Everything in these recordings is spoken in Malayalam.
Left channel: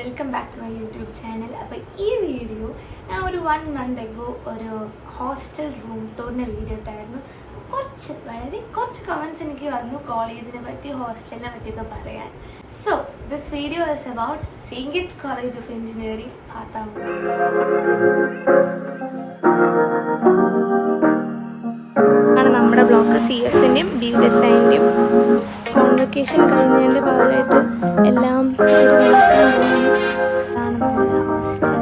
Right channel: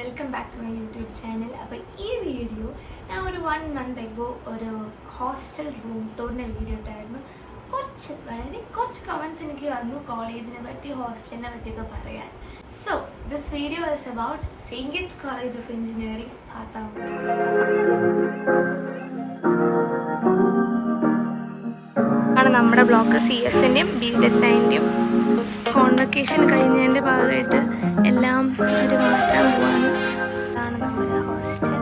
Welcome back to my YouTube channel. അപ്പോൾ ഈ വീഡിയോ ഞാൻ ഒരു 1 month ago ഒരു ഹോസ്റ്റൽ റൂം ടൂറിൻ്റെ വീഡിയോ ഇട്ടായിരുന്നു. വളരെ കുറച്ച് കമൻറ്റ്സ് എനിക്ക് വന്നു കോളേജിനെ പറ്റി ഹോസ്റ്റലിനെ പറ്റിയൊക്കെ പറയാൻ. So this video is about Saint Gits College of Engineering പാത്താമുണ്ട്. നമ്മുടെ ബ്ലോക്ക് CS-ൻ്റെയും BDSIൻ്റെയും കോൺവക്കേഷൻ കഴിഞ്ഞതിൻ്റെ ഭാഗമായിട്ട് എല്ലാം ഒരു മാറ്റാൻ പോവാണ്. അതാണ് നമ്മുടെ ഹോസ്റ്റൽ.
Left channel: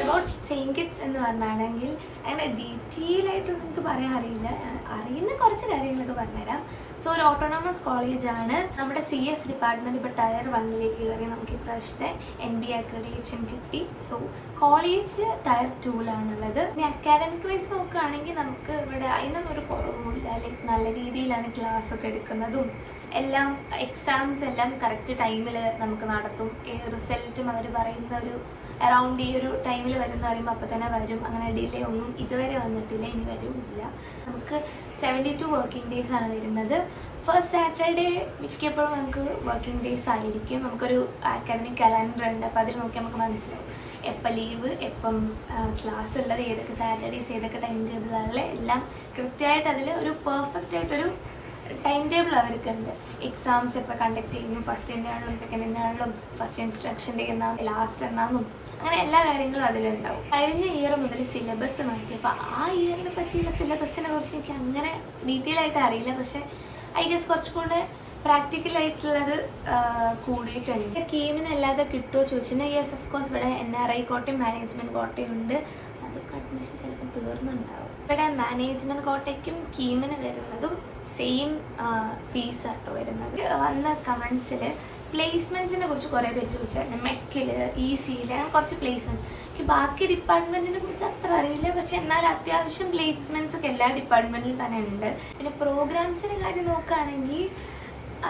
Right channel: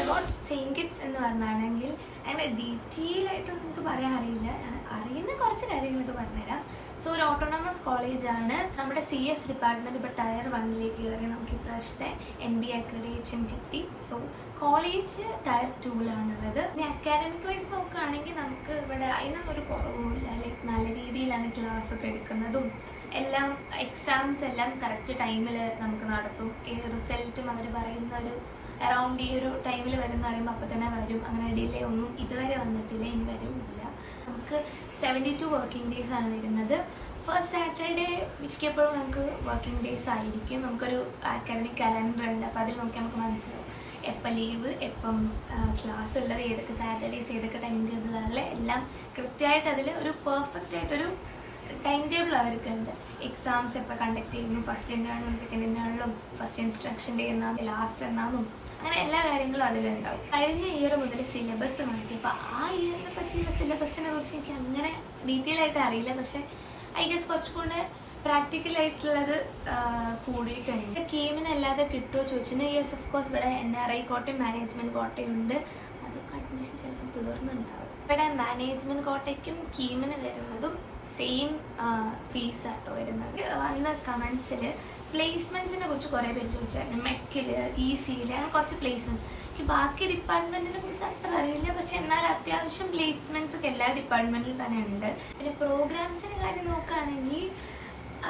അബൌട്ട് സെയിൻറ് കിറ്റ്സ് എന്ന് പറഞ്ഞാണെങ്കിൽ അങ്ങനെ ഡീറ്റെയിൽ ആയിട്ടൊന്നും എനിക്ക് പറയാൻ അറിയില്ല. അറിയുന്ന കുറച്ച് കാര്യങ്ങളൊക്കെ പറഞ്ഞുതരാം. സോ ഒരു ഓട്ടോണമസ് കോളേജാണ്. നമ്മുടെ CS ഡിപ്പാർട്ട്മെൻറ്റ് ഇപ്പോൾ Tier 1 കയറി നമുക്ക് ഇപ്രാവശ്യത്തെ NBA അക്രഡിറ്റേഷൻ കിട്ടി. സോ കോളേജ് Tier 2 ഇനി അക്കാഡമിക് വൈസ് നോക്കുകയാണെങ്കിൽ നമുക്ക് ഇവിടെ അതിനൊന്നും ഒരു കുറവുമില്ല. ലൈക്ക് നല്ല രീതിയിലാണ് ക്ലാസ് ഒക്കെ എടുക്കുന്നതും എല്ലാം. എക്സാംസ് എല്ലാം കറക്റ്റ് ടൈമിൽ നമുക്ക് നടത്തും. ഈ റിസൾട്ടും അവർ പറയുന്ന ഒരു അറൗണ്ട് ഈ ഒരു ടൈമിൽ വരുന്ന പറയുമ്പോൾ അപ്പോൾ തന്നെ വരും. അങ്ങനെ ഡിലേ ഒന്നും ഇതുവരെ വന്നിട്ടില്ല, ഇനി വരുമില്ല. നമുക്ക് 72 വർക്കിംഗ് ഡേയ്സ് ആണ് വരുന്നത്. ഫസ്റ്റ് സാറ്റർഡേ മിക്കപ്പോഴും നമുക്ക് വർക്കിംഗ് ഡേയ്സ് ആയിരിക്കും. നമുക്കൊരു അക്കാഡമിക് കലണ്ടർ ഉണ്ട്. അപ്പോൾ അതിൽ നോക്കി നമുക്ക് മനസ്സിലാവും എപ്പോൾ ലീവ്, എപ്പം ക്ലാസ് ഉള്ളത്, ഏതൊക്കെ സാറ്റർഡേയ്സ്, ഏതൊക്കെ ടൈം ടേബിളുകളിൽ എല്ലാം കൃത്യമായിട്ട് അതിൽ ഒരു പെർഫെക്റ്റ് ആയിട്ടൊരു ടൈം ടേബിൾ അവർക്കുണ്ട്. എക്സാംസ് എപ്പോൾ കണ്ടക്ട് ചെയ്യുന്നു, ഫസ്റ്റ് ഇൻ്റേണലും സെക്കൻഡ് ഇൻ്റേണലും, ഫസ്റ്റ് ഇൻസ്ട്രക്ഷൻ ഡേ എന്നാണ്, ലാസ്റ്റ് എന്നാന്നും, അങ്ങനെ എല്ലാ കാര്യങ്ങളും അതിലുണ്ടാവും. കഴിഞ്ഞ ഇയർ മുതൽ സിലബസ് മാറ്റി. അപ്പോൾ ആ ഇയറിനെ പറ്റിയുള്ള സിലബസിനെ കുറിച്ച് എനിക്ക് അങ്ങനെ ഡീറ്റെയിൽ ആയിട്ട് അറിയില്ല. പക്ഷേ ഐ ഗസ് കുറച്ചുകൂടെ പ്രാക്ടിക്കലായിട്ടുള്ളത് കൂടിയിട്ടുണ്ട്. കീമിനല്ലാതെ കിട്ടുമോ ചോദിച്ചാൽ യെസ് ഓഫ് കോഴ്സ്. ഇവിടെ NRI കോട്ടയും മാനേജ്മെൻറ്റ് കോട്ടയും ഉണ്ട്. അതൊക്കെ അഡ്മിഷൻ ചിലപ്പോൾ തീർന്നുണ്ടാവും. ഇവിടെ മാനേജ്മെൻറ്റ് കോട്ടയ്ക്കും കീമിന് വരുന്നതും സെയിം ഫീസ് ആട്ടോ വരുന്നത്. വന്ന കമൻസിൽ പ്ലേസ്മെൻറ്റ്സിനെ കുറിച്ച് കുറേ പേര് ചോദിച്ചായിരുന്നു. മെക്കിൽ, EC-യിൽ അങ്ങനെ കുറച്ച് പ്ലേസ്മെൻറ്റ്സ്. എനിക്ക് ബാക്കി ഡിപ്പാർട്ട്മെൻറ്റിനെ കുറിച്ച് അത്ര അറിയില്ല. പക്ഷെ എന്നാലും അത്യാവശ്യം പ്ലേസ്മെൻറ്റ്സ് ഒക്കെ എല്ലാ ഡിപ്പാർട്ട്മെൻറ്റിലും തന്നെ ഉണ്ട്. പിന്നെ പ്രോഗ്രാംസിൻ്റെ കാര്യം നോക്കുകയാണെങ്കിൽ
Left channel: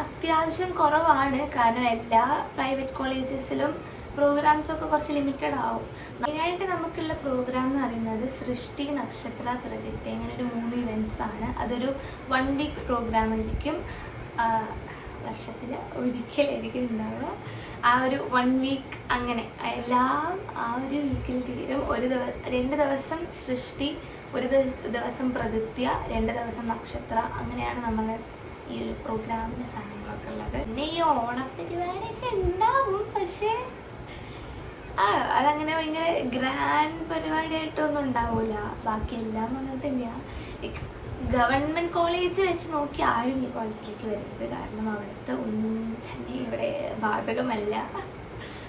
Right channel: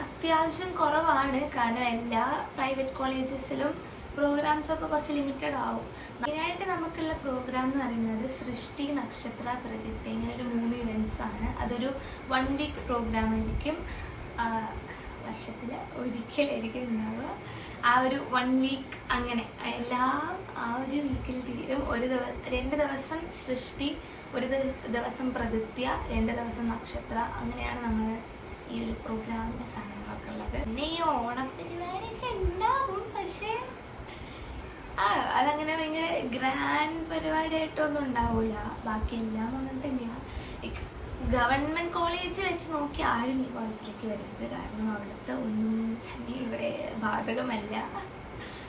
അത്യാവശ്യം കുറവാണ്. കാരണം എല്ലാ പ്രൈവറ്റ് കോളേജസിലും പ്രോഗ്രാംസ് ഒക്കെ കുറച്ച് ലിമിറ്റഡ് ആവും. മെയിനായിട്ട് നമുക്കുള്ള പ്രോഗ്രാം എന്ന് പറയുന്നത് സൃഷ്ടി, നക്ഷത്ര, പ്രകൃതി, അങ്ങനെ ഒരു 3 ഇവൻറ്റ്സ് ആണ്. അതൊരു 1 week പ്രോഗ്രാം ആയിരിക്കും. വർഷത്തിൽ ഒരിക്കലായിരിക്കും ഉണ്ടാവുക. ആ ഒരു 1 week അങ്ങനെ എല്ലാം ആ ഒരു വീക്കിൽ തീരും. 2 ദിവസം സൃഷ്ടി, 1 ദിവസം പ്രകൃത്യ, 2 ദിവസം നക്ഷത്ര. അങ്ങനെയാണ് നമ്മൾ ഈ ഒരു പ്രോഗ്രാമിൻ്റെ സാധനങ്ങളൊക്കെ ഉള്ളത്. പിന്നെ ഈ ഓണപ്പരിപാടിയൊക്കെ ഉണ്ടാവും. പക്ഷേ അതങ്ങനെ ഭയങ്കര ഗ്രാൻഡ് പരിപാടിയായിട്ടൊന്നും ഉണ്ടാവില്ല. ബാക്കിയെല്ലാം അങ്ങനെ തന്നെയാണ്. ഗവൺമെൻറ് കോളേജ് വെച്ച് നോക്കി ആരും ഈ കോളേജിലേക്ക് വരുന്നത്. കാരണം അവിടുത്തെ ഒന്നും തന്നെ ഇവിടെ ബാധകമല്ല.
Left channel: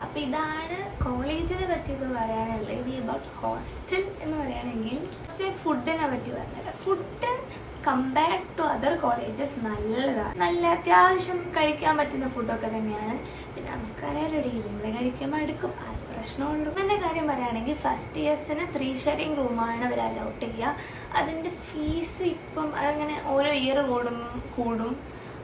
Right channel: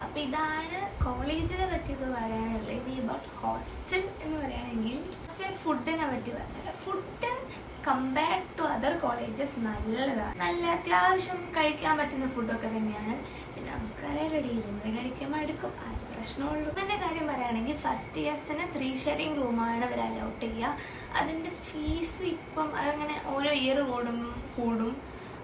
അപ്പം ഇതാണ് കോളേജിനെ പറ്റിയൊക്കെ പറയാനുള്ളത്. ഇനി അബൌട്ട് ഹോസ്റ്റൽ എന്ന് പറയുകയാണെങ്കിൽ ഫുഡിനെ പറ്റി പറഞ്ഞാൽ food compared to other colleges നല്ലതാണ്. നല്ല അത്യാവശ്യം കഴിക്കാൻ പറ്റുന്ന ഫുഡൊക്കെ തന്നെയാണ്. പിന്നെ നമുക്കറിയാലോ നമ്മൾ കഴിക്കുമ്പോൾ എടുക്കും, ആ പ്രശ്നമുള്ളൂ. എൻ്റെ കാര്യം പറയുകയാണെങ്കിൽ ഫസ്റ്റ് ഇയേഴ്സിന് 3 sharing റൂമാണ് അവർ അലൗട്ട് ചെയ്യുക. അതിൻ്റെ ഫീസ് ഇപ്പം അതങ്ങനെ ഓരോ ഇയർ കൂടും.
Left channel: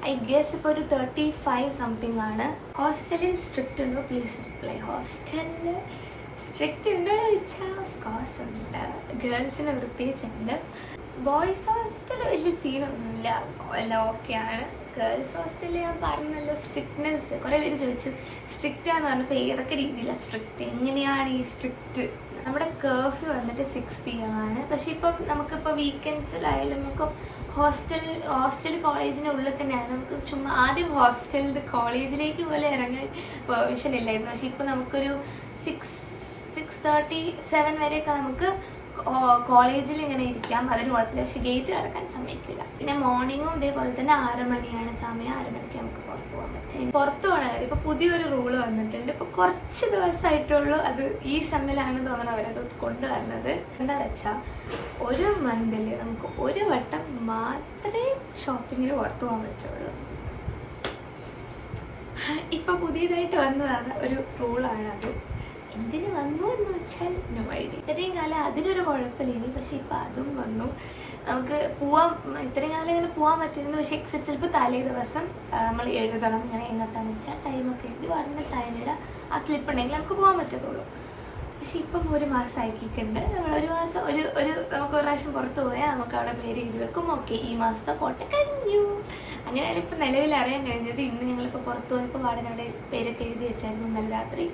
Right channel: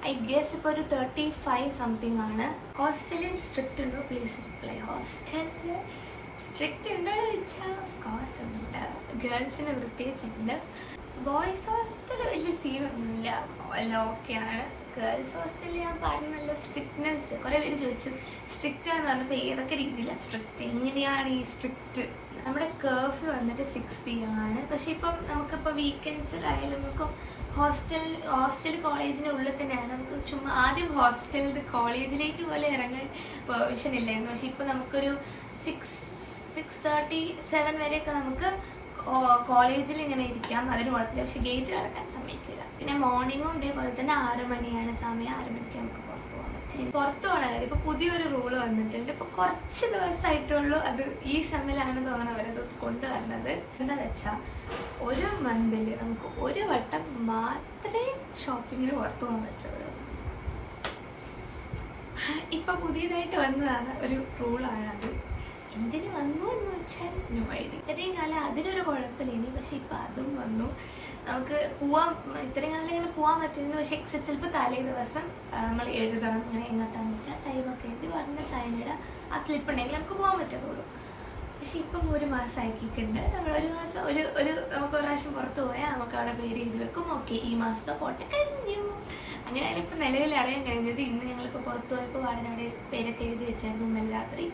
ഐ ഗെസ് ഇപ്പോൾ ഒരു 35 സംതിങ് ആണ്. ഹോസ്റ്റലിൽ സ്ട്രിക്റ്റ് ഉണ്ടോ? Please reply. ഹോസ്റ്റലിൽ സ്ട്രിക്റ്റ് ഉണ്ടോ എന്ന് ചോദിച്ചാൽ ഓഫ് കോഴ്സ് ഉണ്ട്. ഗേൾസിന് പ്രത്യേകിച്ചുണ്ട്. ബോയ്സ് ഹോസ്റ്റൽ വലിയ സീനൊന്നുമില്ല, എല്ലാം ഓക്കെയാണ്. ഗേൾസ് ഹോസ്റ്റലിൽ ഞാൻ പറഞ്ഞല്ലോ സ്ട്രിക്ട്നെസ്. കുറേ പേര് ചോദിച്ചു സ്ട്രിക്റ്റാന്ന് പറഞ്ഞപ്പോൾ ഏതൊക്കെ രീതിയിലാണ് സ്ട്രിക്റ്റ്, എങ്ങനെയാണ് ഈ സ്ട്രിക്റ്റ്. നമ്മുടെ കർഫ്യൂ വന്നിട്ട് 6 PM ആണ്. പക്ഷെ ഇപ്പം നമുക്കിപ്പോൾ വീക്കെൻഡ്സിലായാലും നമുക്ക് ഹോസ്റ്റൽ കോളേജിൻ്റെ ഉള്ളിൽ തന്നെയാണ്. നമുക്ക് ചുമ്മാ ആദ്യം ഹോസ്റ്റലിൽ കോളേജിലേക്ക് പോലെ ഇറങ്ങാൻ പെർമിഷൻ ഇല്ലായിരുന്നു. പക്ഷെ ഇപ്പം നമുക്കൊരു 6:37 വരെയൊക്കെ നമുക്ക് കോളേജിൽ ഇങ്ങനെ ഇരിക്കാം, അതിന് കുഴപ്പമില്ല. പക്ഷെ ഗേറ്റ് കടക്കാൻ സമ്മതിക്കില്ല. പിന്നെ മോർണിംഗും ഇതേപോലെ തന്നെ 6 മണിയാണ് സമയം. 6 മണിക്ക് നമുക്ക് പുറത്ത് പോകാൻ പറ്റും. പുറത്ത് പോകണ കാര്യം ഇപ്പോൾ പുതിയൊരു റൂള് വന്നിട്ടുണ്ട്. ഇപ്പോൾ കുറച്ച് ദിവസമായിട്ടുള്ളൂ. അത് ഈ സെമ്മിലാണ് തോന്നുന്നത് അവരത് കൊണ്ടുവരുന്നത്. എന്താ വെച്ചാൽ ഒരു മന്തിൽ നമുക്ക് 1 വട്ടം മാത്രമേ ഷോപ്പിങ്ങിന് പുറത്ത് പോകാൻ പറ്റുള്ളൂ. ഇപ്പം പുതിയതായിട്ട് വന്നതാണ് ഒരു റൂളാണത്. എന്തിനു വന്നു എന്ന് വെച്ചാൽ നോ ഐഡിയ. ഇത്രയും കാലം അതിനൊരു കുഴപ്പമില്ല. പക്ഷെ ഇപ്പം അതും വന്നു. നമുക്ക് പോവാൻ ഇത്രയും കാലം ഇങ്ങനെ പോകാൻ പറ്റുന്നു. പക്ഷെ ചിലപ്പോൾ തലേ ദിവസം നമ്മൾ എഴുതണം. ഇങ്ങനെ എങ്ങോട്ടാന്ന് വെച്ചാൽ ടൈമൊക്കെ എഴുതി പറഞ്ഞ സൈനിയുടെ ആ സ്ലിപ്പ് ഉണ്ടെങ്കിൽ നമുക്ക് പോകാൻ പറ്റത്തുള്ളൂ. പക്ഷെ ഇപ്പം 1 മാസം ആക്കിയിട്ടുണ്ട്. നമ്മൾ 1 മാസം നമുക്ക് 1 പ്രാവശ്യം പുറത്ത് പോയാൽ നമുക്ക് അവിടെ പേര് എഴുതി വെക്കും. ഓക്കെ, ഈ മാസത്തെ കോട്ട കഴിഞ്ഞു. അങ്ങനെയാണ് ഇപ്പം നിലവിൽ അറിയാൻ കഴിഞ്ഞത്. ഇന്ന് ഞങ്ങളിപ്പോൾ പുറത്ത് പോയപ്പോൾ വാടനയുടെ പേരൊക്കെ എഴുതി വെച്ചായിരുന്നു ഇന്നലെ രാത്രി.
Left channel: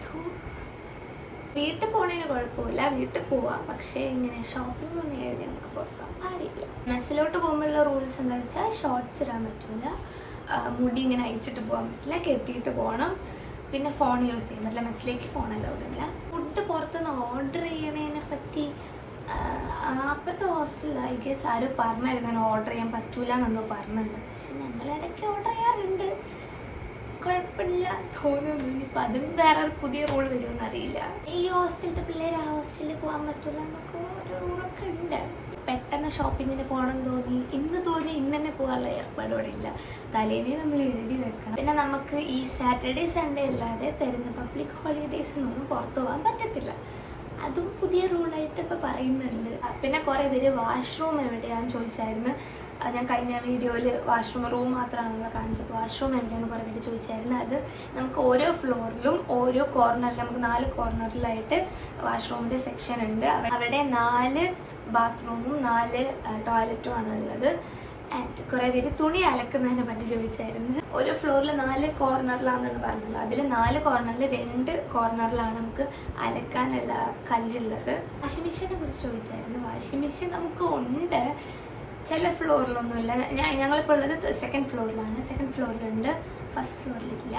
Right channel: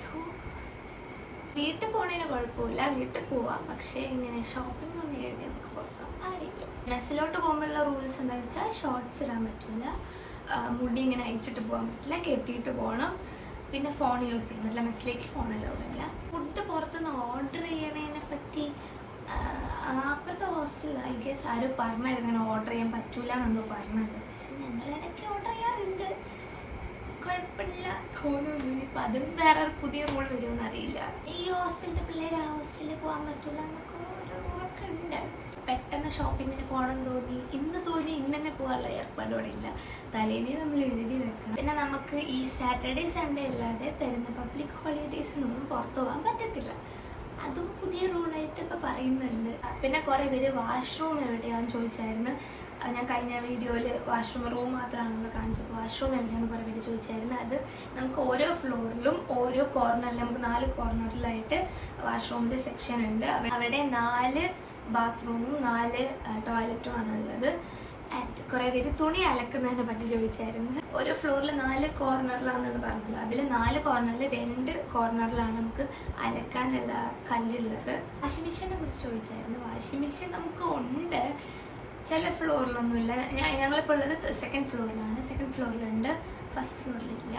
സോ വീട്ടിൽ പോണതിന് കുഴപ്പമില്ല, വീട്ടിൽ പോവാം, പക്ഷേ ഇങ്ങനെ ഷോപ്പിംഗ് ഒന്നും എഴുതി നമുക്ക് പുറത്താൻ പാടില്ല. മെസ്സിലോട്ട് പോകുമ്പോഴുള്ള റൂൾസ് എന്താ വെച്ചാൽ ഷോർട്ട്സ് ഇടാൻ പറ്റില്ല, മുടി ഇങ്ങനെ അയച്ചിട്ട് പോകാൻ പറ്റില്ല, കെട്ടിയിട്ട് പോകണം, പിന്നെ ഫോൺ യൂസ് ചെയ്യാൻ പറ്റില്ല. മെസ്സിലേക്ക് ഫോൺ അലൗഡ് ഇല്ല. ഫുഡ് പുറത്തുനിന്ന് ഓർഡർ ചെയ്യണതിനെ പറ്റി അപ്പുറത്തെ ഹോസ്റ്റലിൽ ഐ ഗെസ് ആരും പറഞ്ഞായിരുന്നു അങ്ങനെ ഓർഡർ ചെയ്യാൻ പറ്റൂല എന്നെന്തോ പറഞ്ഞിട്ടുണ്ട്. പക്ഷെ ഞങ്ങൾ ഇടയ്ക്ക് ഓർഡർ ചെയ്യാറുണ്ട്, കുഴപ്പമില്ല തോന്നുന്നു. ഇപ്പം അതും വേറെ പുതിയ റൂൾ വരുമെന്ന് അറിയില്ല. ഈ ഹോസ്റ്റലിലത്തെ പിള്ളേർ ആ ഹോസ്റ്റലിൽ പോകാൻ പറ്റില്ല എന്നൊക്കെ ഒരു റൂളൊക്കെ ഉണ്ട്. പെട്ടെന്ന് ഷോപ്പിങ്ങിന് പോകണം തോന്നി ഇന്ന് തന്നെ പോകാനുള്ള ഏർപ്പാട് ഇവിടെ ഇല്ല. തലേനെ നമ്മൾ എഴുതി വെക്കണം. പിന്നെ നമുക്ക് ഈ സാറ്റർഡേ സൺഡേ അല്ലാതെ തരുന്ന പബ്ലിക് ഹോളിഡേയ്സിനൊന്നും പുറത്തു പോകാൻ പറ്റത്തില്ല. അതും പുതിയ റൂളായിട്ട് ഇപ്പോൾ പറയുന്നുണ്ട്. പിന്നെ കുറേ പേര് വാഷ്റൂം എവിടെയാണെന്ന് ചോദിച്ചായിരുന്നു. ഞാൻ കഴിഞ്ഞ വീഡിയോയിൽ വാഷ്റൂം റൂം മാത്രമാണല്ലോ കാണിച്ചപ്പോൾ വാഷ്റൂം എവിടെയാണെന്ന് കുറേ പേര് ചോദിച്ചായിരുന്നു. അത് നമുക്ക് ഓരോ ഫ്ലോറിലും ഓരോ കോർണറിൽ നമുക്ക് 4 കോർണറിലായിട്ട് വാഷ്റൂമിൻ്റെ സെക്ഷൻ ഉണ്ട്. അവിടെ 4 ബാത്റൂമും 4 ടോയ്ലറ്റും ആണുള്ളത്. ആൻഡ് കുറേ പേര് തുണി അലക്കുന്നതിനെ പറ്റി ചോദിച്ചായിരുന്നു. ഒരു ഫ്ലോറിൽ 4 കോർണറിലാണെന്ന് പറഞ്ഞല്ലോ. അതിൽ 4 കോർണറിൽ 2 കോർണറിലാണ് നമുക്ക് അലക്കാനുള്ള കല്ലുള്ളത്. വാഷിംഗ് മെഷീനെ കുറിച്ച് ചോദിച്ചായിരുന്നു. വാഷിംഗ് മെഷീൻ നമുക്ക് ഉണ്ട്, ചില ഫ്ലോറിലൊന്നുമില്ല. ഞങ്ങളിപ്പോൾ ഉള്ളത് സെക്കൻഡ് ഫ്ലോറിലാണ്. സെക്കൻഡ് ഫ്ലോറിലുണ്ട്, ഫസ്റ്റ് ഫ്ലോറിലില്ല.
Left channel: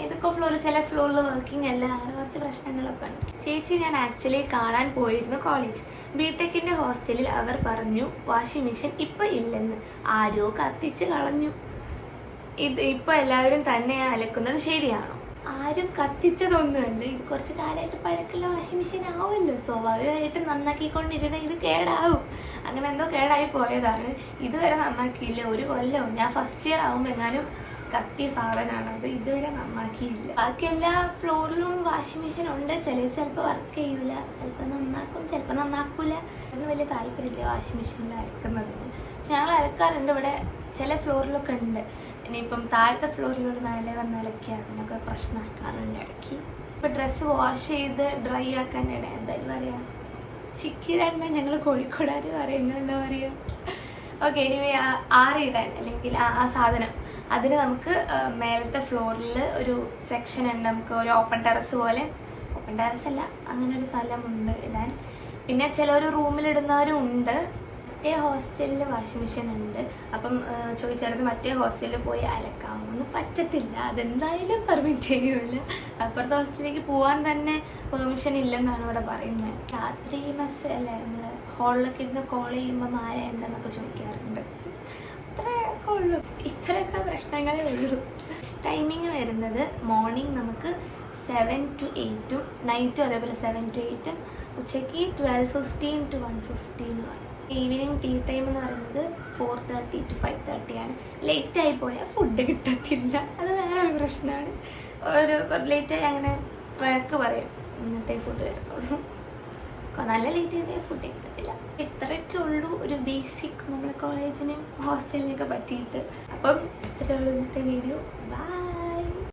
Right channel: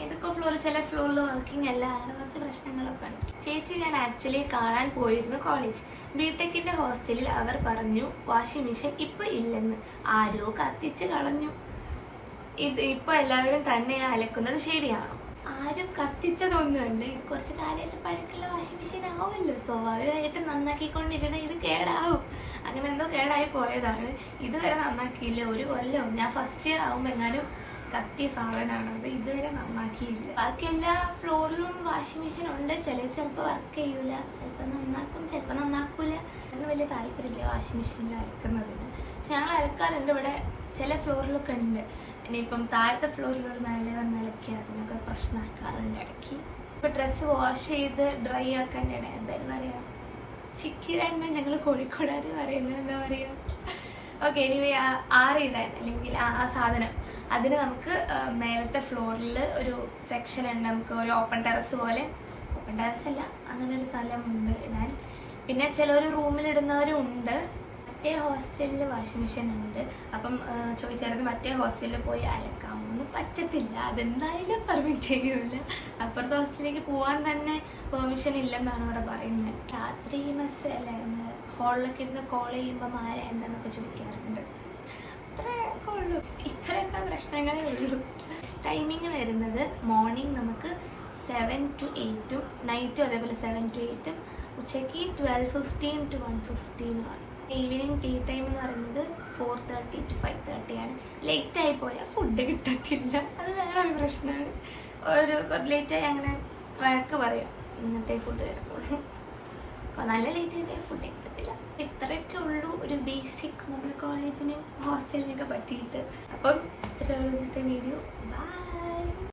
ഏതൊക്കെ ഫ്ലോറിൽ ചില ഫ്ലോറിൽ വർക്കിംഗ് അല്ല, അങ്ങനെ കുറച്ച് പ്രശ്നങ്ങളൊക്കെ ഉണ്ട്. ചേച്ചി ഞാൻ ആക്ച്വലി കാണാൻ പോയിരുന്നു കോളേജ്. ബിടെക്കിന്റെ ഹോസ്റ്റലിൽ അവർ പറഞ്ഞു വാഷിംഗ് മെഷീൻ ഇപ്പം ഇല്ലെന്ന്. ആരോ കത്തിച്ച് കളഞ്ഞു. ഇപ്പം എല്ലാവരും തന്നെയാണ് അലക്കുന്നത്, ശരിയാണോ? ആരും കത്തിച്ചതൊന്നുമല്ല, ഇത് കുറച്ച് കാലമായിട്ട് പഴക്കമുള്ള വാഷിംഗ് മെഷീൻ ആവുമല്ലോ. സ്വാഭാവികമായിട്ട് നന്നാക്കിക്കൊണ്ടിരുന്ന ഇത് കേടാവും. അങ്ങനെ എന്തോ കേടായി പോയതാണ്. ഇതുവരെ നന്നാക്കിയില്ല. 1 കൊല്ലം ഞാൻ ഫസ്റ്റ് ഇയർ ആകുമ്പോൾ എങ്ങാനും കത്തിയ സാധനമാണ് അത്. ഇതുവരെ നന്നാക്കിയില്ല. ബാക്കി എല്ലാ ഫ്ലോറിലും വാഷിംഗ് മെഷീൻ ഉണ്ട്. ചിലപ്പോൾ വർക്ക് ചെയ്യൂല, ചിലപ്പോൾ നന്നാക്കും, ചിലപ്പോൾ നന്നാക്കൂല. അതിന് വലിയ താല്പര്യമില്ല വാഷിംഗ് മെഷീനിൽ അലക്കുന്നതിന്. പക്ഷെ ഞങ്ങൾ അലക്കാറുണ്ട്. ഇവിടെ ചില ഫ്ലോറിലൊക്കെ ഉണ്ട്. ഇനിയിപ്പം താഴത്തെ ഫ്ലോറിലൂടെ മേലെ വന്ന് അലക്കിയാൽ അതിനൊക്കെ പ്രശ്നമാക്കാറുണ്ട് ഇടയ്ക്ക്. ഇപ്പം ഡ്രസ്സ് വാഷ് ചെയ്ത് ഡ്രൈ ആക്കാൻ എന്തായാലും പറയാം, ചിക്കിടാൻ ഞങ്ങൾ കോഴിക്കോടാർ പറയുന്നത് എന്താ പറയുക. ഓക്കെ, എനിവേ ആറിടാൻ അല്ലെങ്കിൽ ആ സാധനം അതിന് നമുക്ക് മേലത്തെ ഫ്ലോറിൽ ഒരു സെക്ഷൻ ഉണ്ട്. നമുക്ക് ഒരു ഓപ്പൺ ടെറസ് പോലെ, ഓപ്പൺ ടെറസ് അല്ല, അങ്ങനെ ഒരു സ്ഥലമുണ്ട് ഇടാൻ. പിന്നെ ചിലർ റൂമിലിടുന്നവരും ഉണ്ട്. മറ്റേ ഹോസ്റ്റലിൽ വാഷിംഗ് മെഷീൻ ഉണ്ട്. അപ്പം ചോദിച്ചായിരുന്നു മറ്റേ ഹോസ്റ്റലിൽ പോയി അലക്കാമോന്ന്. പറ്റത്തില്ല, അതെന്തായാലും പെർമിറ്റ് ചെയ്യൂല. അപ്പുറത്തെ ഹോസ്റ്റലിലേക്ക് പോകാൻ തന്നെ പെർമിഷൻ ഇല്ലെന്നാണ് അവിടെ പറയുന്നത്. രാത്രി മെസ്സ് അല്ലേ, നമ്മൾ ഹോളിലൊക്കെ ഇരുന്ന് കോൾ ചെയ്യുമ്പോൾ ആരാ എന്താന്നൊക്കെ ചോദിക്കാറുണ്ട്. അത്രയൊക്കെ ഉള്ളൂ, ഇത്രയൊക്കെ പ്രശ്നങ്ങളേ ഉള്ളൂ. ടൈമിങ് വരുന്നത് മോർണിംഗ് നമുക്ക് 7 to 8, നൈറ്റും അതേപോലെ 7 to 8, ഉച്ചയ്ക്ക് 12:15 to 1:15 ആണ്. ഈവനിങ് ടീ ടൈം എന്ന് പറയുന്നത് 4:30 to 5:30 ആണ്. ലേറ്റായി പോയാൽ ഫുഡ് കിട്ടത്തില്ല, അത് വേറെ ഒരു പ്രശ്നമാണ്. ലേറ്റായി അങ്ങനെ വഴക്ക് പറയും, എന്നിട്ടേ ഫുഡ് തരത്തുള്ളൂ. നല്ല ലേറ്റ് ചെയ്തേ ഫുഡ് കിട്ടത്തില്ല. ഇത്രയൊക്കെ ഉള്ളൂ ഒരു ബേസിക് നമ്മുടെ കോളേജിനും ഹോസ്റ്റലിനൊക്കെ പറ്റിയിട്ട്. അപ്പം ഇത്രയേ ഉള്ളൂ ഇന്നത്തെ വീഡിയോ. ബൈ.